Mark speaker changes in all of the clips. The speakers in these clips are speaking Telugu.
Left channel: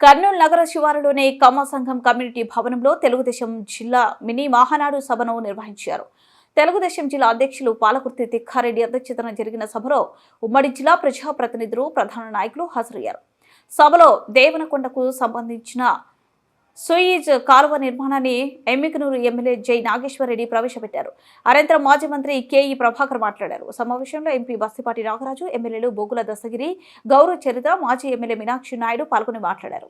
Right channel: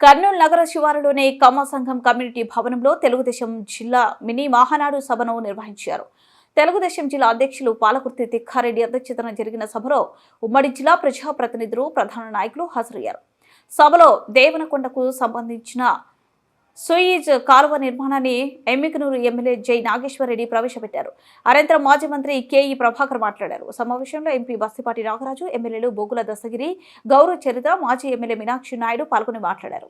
Speaker 1: కర్నూలు నగర శివారులోని కమ్మ సంఘం కమ్యూనిటీ భవనంలో తెలుగుదేశం జిల్లా మినీ మహానాడు సభను నిర్వహించారు. తెలుగుదేశం జిల్లా అధ్యక్షులు పాలకుర్తి తిక్కారెడ్డి అధ్యక్షతన జరిగిన సభలో ఉమ్మడి జిల్లా ప్రజాప్రతినిధులు ప్రధాన నాయకులు హాజరయ్యారు. సభలో దేవనకొండకు సంబంధించిన సుయిజ్ కాలువ నిర్మాణాన్ని ఎమ్మికనూరు ఎమ్మెల్యే జై నాగేశ్వరరెడ్డి ప్రవేశపెట్టారు. అనంతరం మాజీ మంత్రి కేఈ ప్రభాకర్ మాట్లాడారు. సమావేశంలో ఎంపీ బస్తిపాటి నాగరాజు ఎమ్మెల్యేలు బొగ్గుల దశగిరి గౌరవ చరిత్ర మాజీ ఎమ్మెల్యే మీనాక్షి నాయుడు పాల్గొని మాట్లాడారు.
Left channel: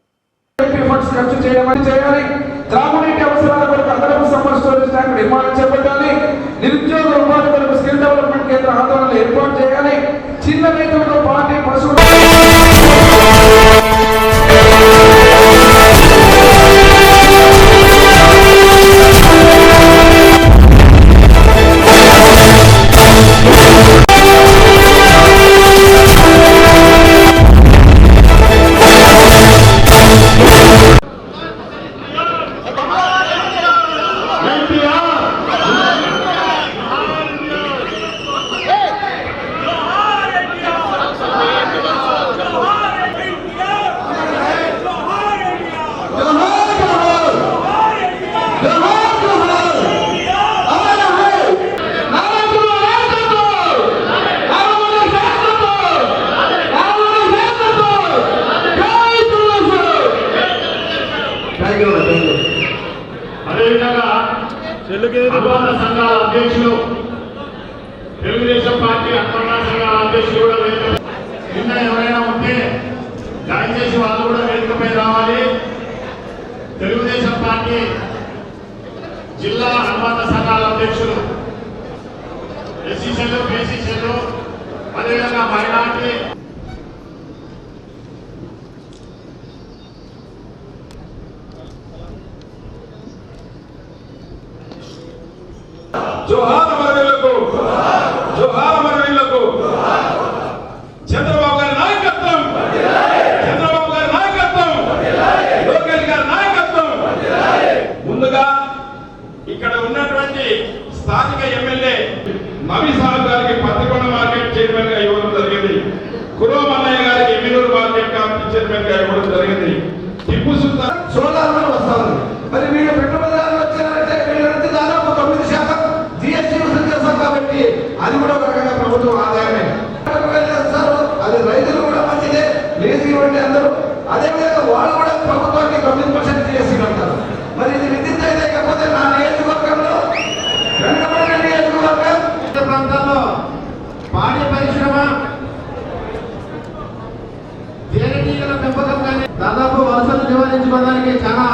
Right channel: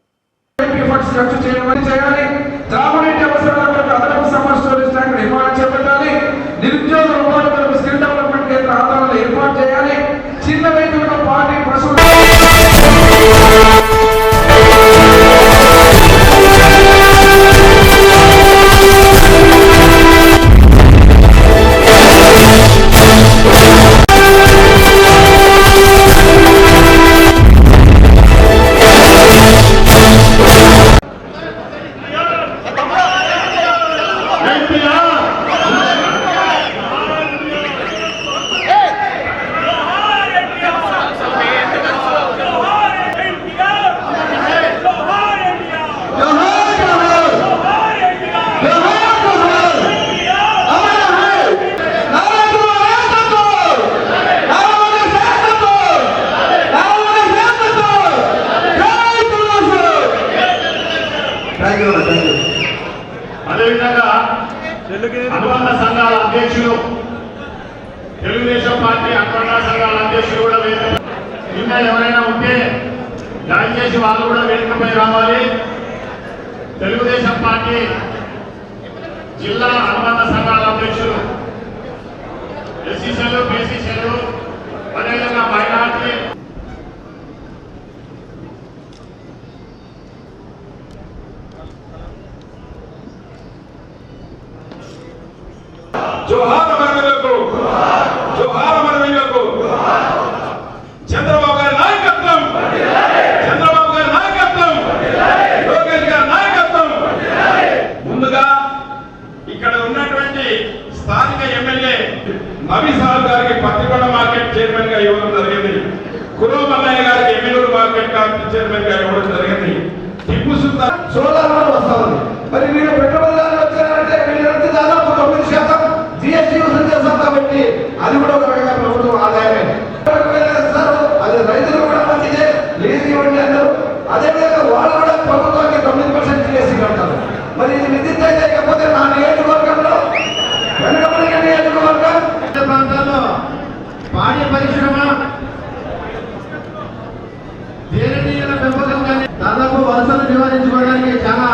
Speaker 2: అదేవిధంగా అనుబంధ సంఘాల అధ్యక్షులు తెలుగుదేశం పార్టీ అనుబంధ సంఘాల అధ్యక్షులు కూడా వేదిక ఇంకా ఎవరైనా ఉంటే దయచేసి వాళ్ళు కూడా వేదికపై రావాలి. తెలుగుదేశం పార్టీ జిల్లా అనుబంధ సంఘాల అధ్యక్షులు ఎస్సీసీలు బీసీసీలు అదేవిధంగా మైనార్టీ
Speaker 3: జోహార్ అమరవీళ్ళకు జోహార్ అమరవీళ్ళకు చంద్రబాబు గారి నాయకత్వం. చంద్రబాబు గారి నాయకత్వం. లోకేష్ గారి నాయకత్వం. ముందుగా ఇక్కడ ఉన్నటువంటి స్థానిక ఎమ్మెల్యే నవీ సాహబ్ గారికి పత్రికొండ మార్కెట్ చైర్మన్గా ఇవ్వడం జరిగింది. కురవ మన్నయ్య గారికి ఎమ్మెల్యూరు మార్కెట్ కమిటీ చైర్మన్గా ఇవ్వడం జరిగింది. టిప్పు సుల్తాన్ సోలార్ అది కూడా ఒక రకంగా ప్రభుత్వం ఆదాయమే. చేస్తారు అది రైతులు కూడా మంచిదే లీజు ఇవ్వండి అందరూ. అదేవిధంగా వాళ్ళు కూడా ప్రభుత్వానికి తొమ్మిది పర్సెంట్ చేసి ఉంటారు మరి ఇది విద్యుత్ అయితే లేకపోతే నా నియోజకవర్గంలో వెనుకబడిన నియోజకవర్గం.
Speaker 2: ప్రాంతాల్లో పాడి పరిశ్రమ తేనెటీగల పెంపకం కానీ దాదాపు వలసలు నివారించుకోవడానికి చాలా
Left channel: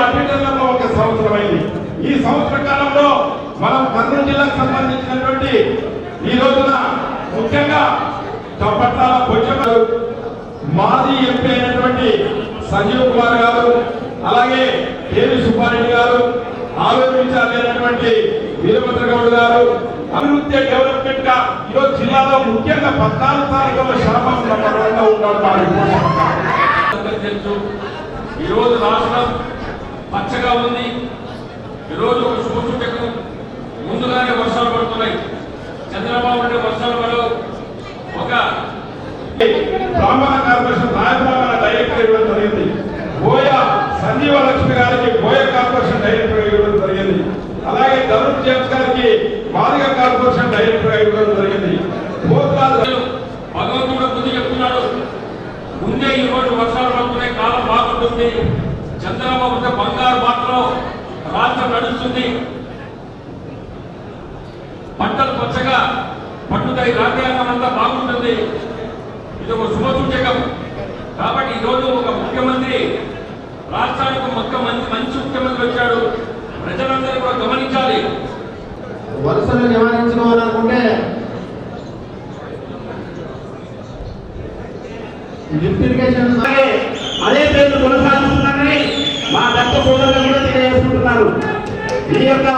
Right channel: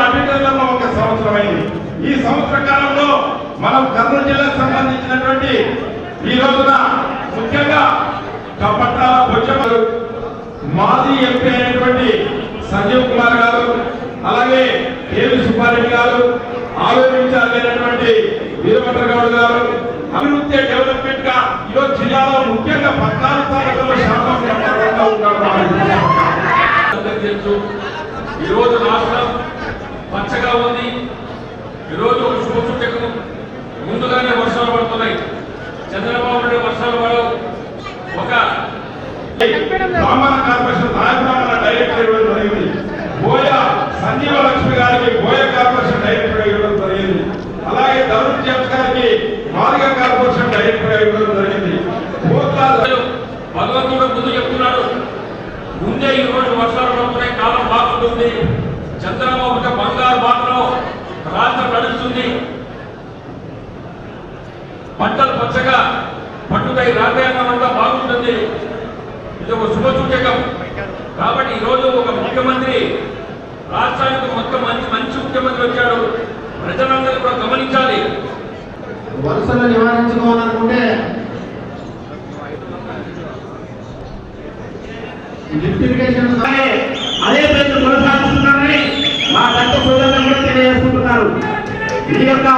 Speaker 3: టైం ఒక సంవత్సరం అయింది. ఈ సంవత్సర కాలంలో మనం కర్నూలు జిల్లాకు సంబంధించినటువంటి ఈ రోజున ముఖ్యంగా కపట్టాల మాజీ ఎంపీ అయినటువంటి సంజీవ్ కుమార్ గారు అలాగే కేవి సుబ్బారెడ్డి గారు ఆలోచించాలైనటువంటి వీరభద్ర గౌడ్ గారు అభివృద్ధి డెవలప్మెంట్గా ఈరోజు జిల్లాలో ముఖ్యంగా పద్నాలుగు తారీఖులో శాపం
Speaker 4: ఈరోజు ఒక శుభసూచకం ముందుగానే వర్షాలు పడుతున్నాయి. చంద్రబాబు నాయుడు వర్షాలు పడు ఒక
Speaker 3: బ్రాహ్మణ కార్పొరేషన్ నాయకురాల డైరెక్టర్ ఇవ్వడం జరిగింది. బోయ సంజీవ లక్ష్మి గారికి బోయ కార్పొరేషన్ డైరెక్టర్ ఇవ్వడం జరిగింది. అలాగే ధనుష్ జేమ్స్ గారికి మాదిగ కార్పొరేషన్ డైరెక్టర్ ఇవ్వడం జరిగింది.
Speaker 4: భగవంతుడు ముందు చెప్తున్నాడు. ముందే రోజు వర్షాలు పడుతున్నాయి. కాలం బాగుంటుంది చంద్రబాబు బంగారు బాటలో రాష్ట్రం నడుస్తుంది. పంటలు పచ్చగా పండుగ రాజ్యాంగం అంతా బాగుంటుంది. ఇది ఒక శుభసూచకం. కాబట్టి ఈరోజు ఒక ముఖ్యమంత్రి రాష్ట్రానికి మొత్తం మంచి మంచి ముఖ్యమంత్రి వచ్చాడు ప్రజలందరూ కూడా గమనించాలి.
Speaker 2: వలసలు నివారించుకోవాలనుకుంటే ఇరిగేషన్
Speaker 5: అదే పేరు కొనసాగిస్తున్నారని మా దత్త సోదరులు కూడా తెలియజేసుకుంటున్నారు. ఇది యొక్క